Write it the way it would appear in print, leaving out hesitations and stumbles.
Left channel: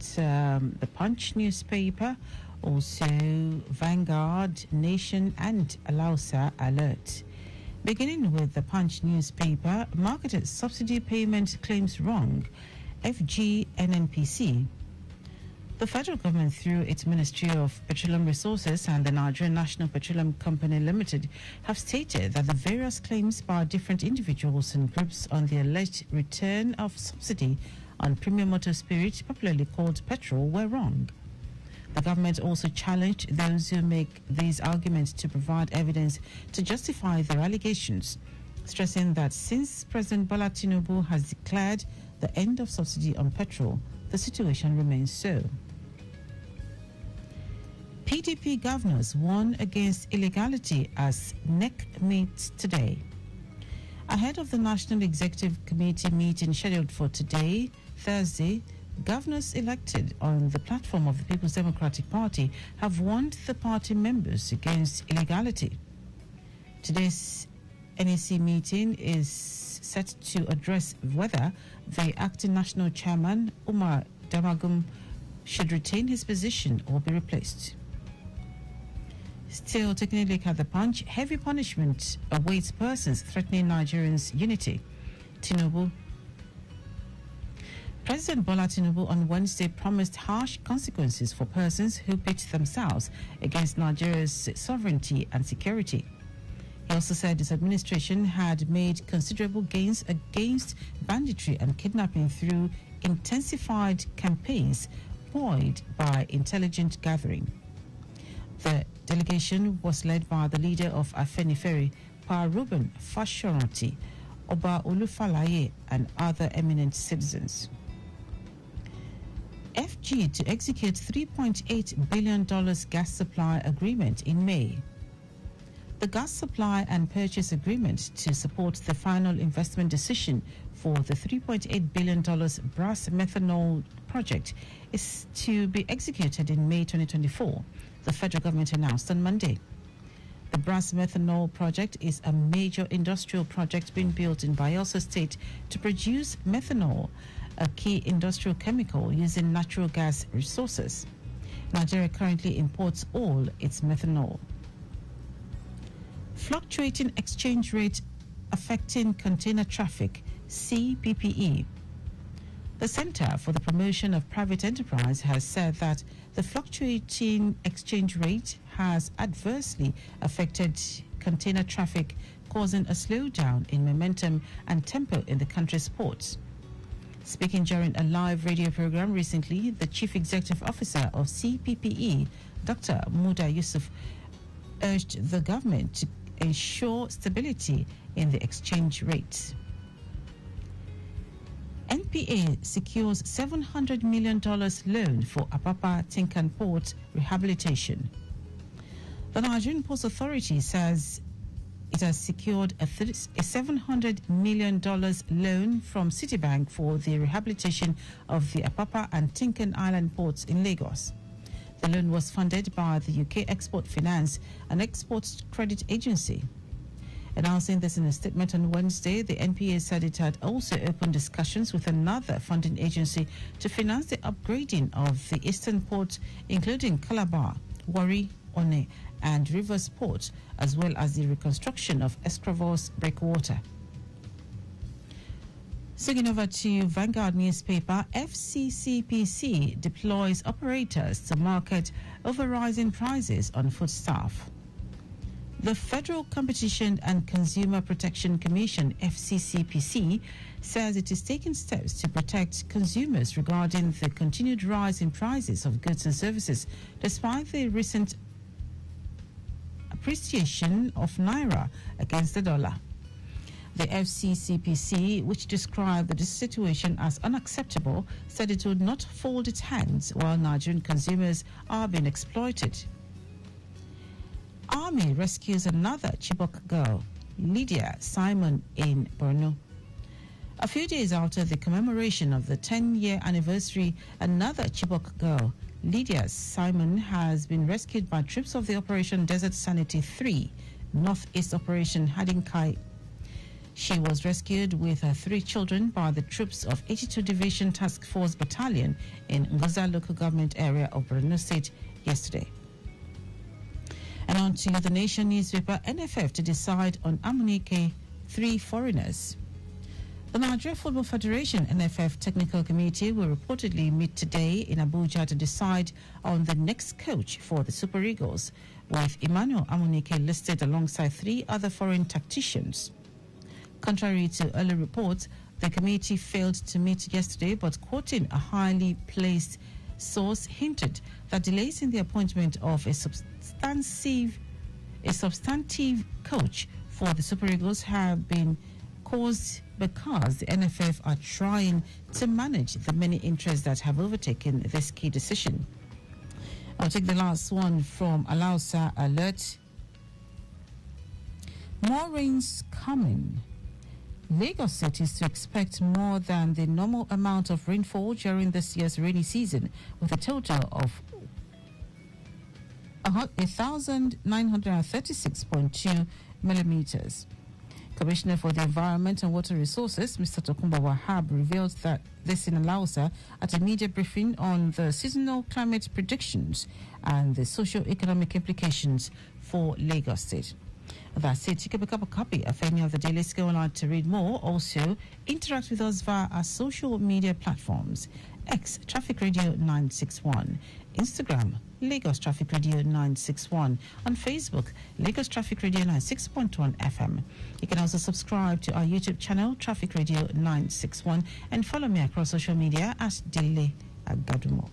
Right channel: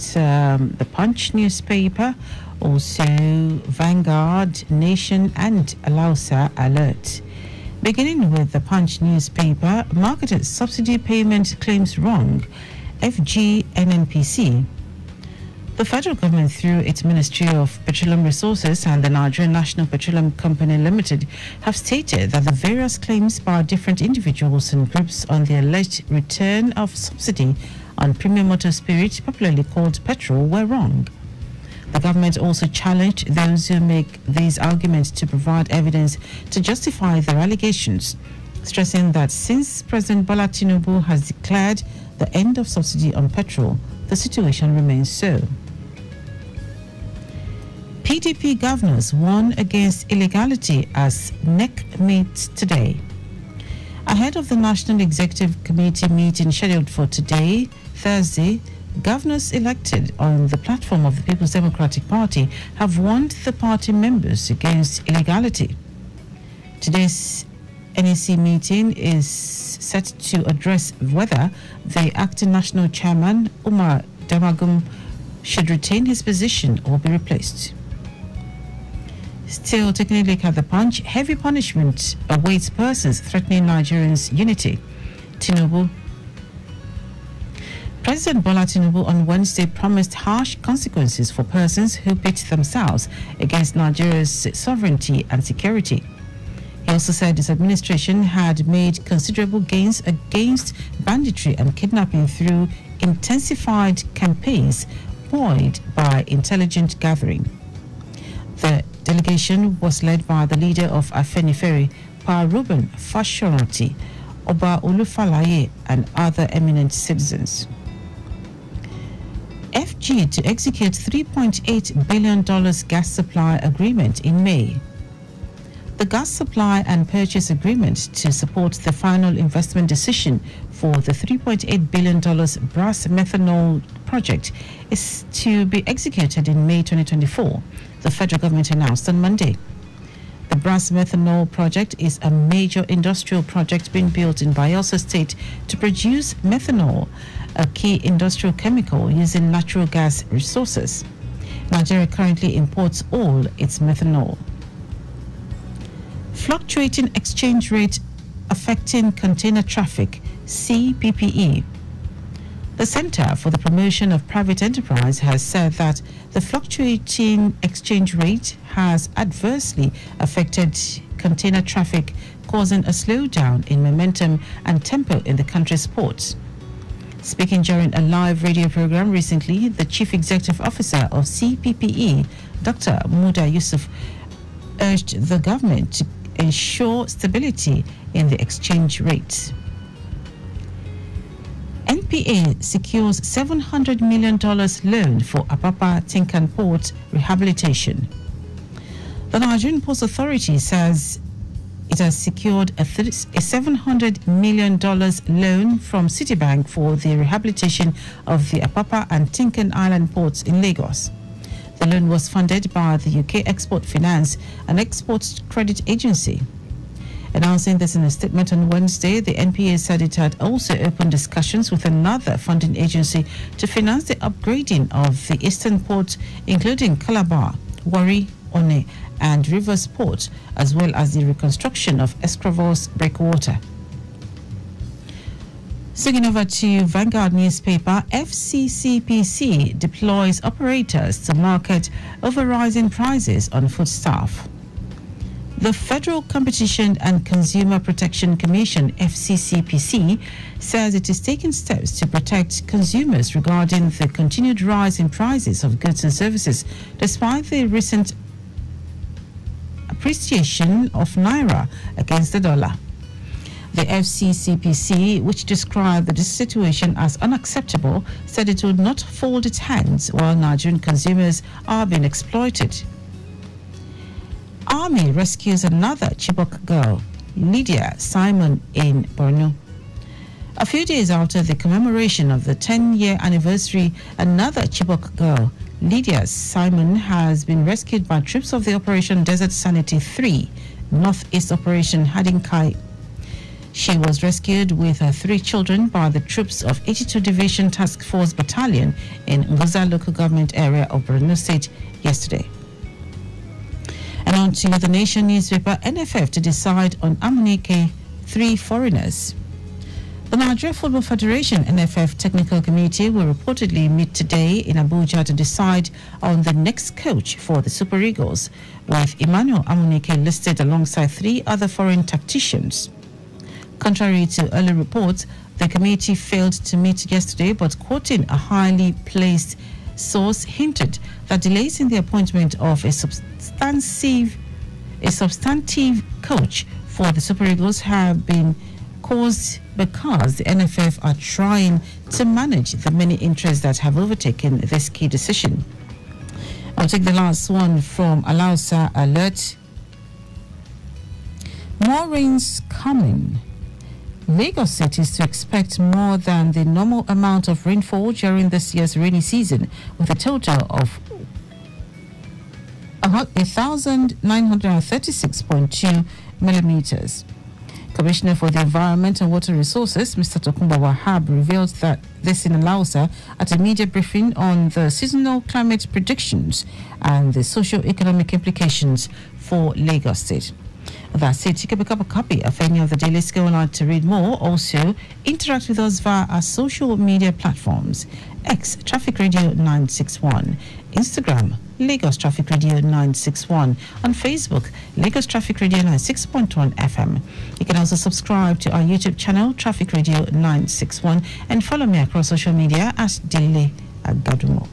the Punch newspaper, also Vanguard, Nation and Alausa Alert. Beginning with the Punch newspaper, marketed subsidy payment claims wrong, FG NNPC. The federal government, through its Ministry of Petroleum Resources and the Nigerian National Petroleum Company Limited, have stated that the various claims by different individuals and groups on the alleged return of subsidy on premium motor spirit, popularly called petrol, were wrong. The government also challenged those who make these arguments to provide evidence to justify their allegations, stressing that since President Bola Tinubu has declared the end of subsidy on petrol, the situation remains so. PDP governors warn against illegality as NEC meets today. Ahead of the National Executive Committee meeting scheduled for today, Thursday, governors elected on the platform of the People's Democratic Party have warned the party members against illegality. Today's NEC meeting is set to address whether the acting national chairman, Umar Damagum, should retain his position or be replaced. Still taking a look at the Punch, heavy punishment awaits persons threatening Nigerians' unity. President Bola Tinubu on Wednesday promised harsh consequences for persons who pit themselves against Nigeria's sovereignty and security. He also said his administration had made considerable gains against banditry and kidnapping through intensified campaigns buoyed by intelligence gathering. The delegation was led by the leader of Afenifere, Pa Ruben Fashoranti, Oba Olufalaye, and other eminent citizens. FG to execute $3.8 billion gas supply agreement in May. The gas supply and purchase agreement to support the final investment decision for the $3.8 billion brass methanol project is to be executed in May 2024, the federal government announced on Monday. The brass methanol project is a major industrial project being built in Bayelsa State to produce methanol, a key industrial chemical using natural gas resources. Nigeria currently imports all its methanol. Fluctuating exchange rate affecting container traffic, CPPE. The Center for the Promotion of Private Enterprise has said that the fluctuating exchange rate has adversely affected container traffic, causing a slowdown in momentum and tempo in the country's ports. Speaking during a live radio program recently, the Chief Executive Officer of CPPE, Dr. Muda Yusuf, urged the government to ensure stability in the exchange rate. NPA secures $700 million loan for Apapa Tinkan Port rehabilitation. The Nigerian Ports Authority says it has secured a $700 million loan from Citibank for the rehabilitation of the Apapa and Tinkan Island ports in Lagos. The loan was funded by the UK Export Finance and Export Credit Agency. Announcing this in a statement on Wednesday, the NPA said it had also opened discussions with another funding agency to finance the upgrading of the eastern ports, including Calabar, Warri, One, and Rivers Port, as well as the reconstruction of Escravos breakwater. Swinging over to Vanguard newspaper, FCCPC deploys operators to market over rising prices on foodstuff. The Federal Competition and Consumer Protection Commission, FCCPC, says it is taking steps to protect consumers regarding the continued rise in prices of goods and services, despite the recent appreciation of Naira against the dollar. The FCCPC, which described the situation as unacceptable, said it would not fold its hands while Nigerian consumers are being exploited. Army rescues another Chibok girl, Lydia Simon, in Borno. A few days after the commemoration of the 10-year anniversary, another Chibok girl, Lydia Simon, has been rescued by troops of the Operation Desert Sanity 3, Northeast Operation Hadinkai. She was rescued with her 3 children by the troops of 82 Division Task Force Battalion in Ngoza local government area of Borno State yesterday. And on to the Nation newspaper, NFF to decide on Amunike 3 foreigners. The Nigeria Football Federation NFF Technical Committee will reportedly meet today in Abuja to decide on the next coach for the Super Eagles, with Emmanuel Amunike listed alongside 3 other foreign tacticians. Contrary to early reports, the committee failed to meet yesterday, but quoting a highly placed source hinted that delays in the appointment of a substantive coach for the Super Eagles have been caused because the NFF are trying to manage the many interests that have overtaken this key decision. I'll take the last one from Alausa Alert. More rains coming. Lagos City is to expect more than the normal amount of rainfall during this year's rainy season, with a total of about 1,936.2 millimeters. Commissioner for the Environment and Water Resources, Mr. Tokumba Wahab, revealed that this in Alausa at a media briefing on the seasonal climate predictions and the socio-economic implications for Lagos State. That's it. You can pick up a copy of any of the Dailies. Go online to read more. Also, interact with us via our social media platforms. X, Traffic Radio 961. Instagram, Lagos Traffic Radio 961. On Facebook, Lagos Traffic Radio 96.1 FM. You can also subscribe to our YouTube channel, Traffic Radio 961, and follow me across social media at Dele Agadumo.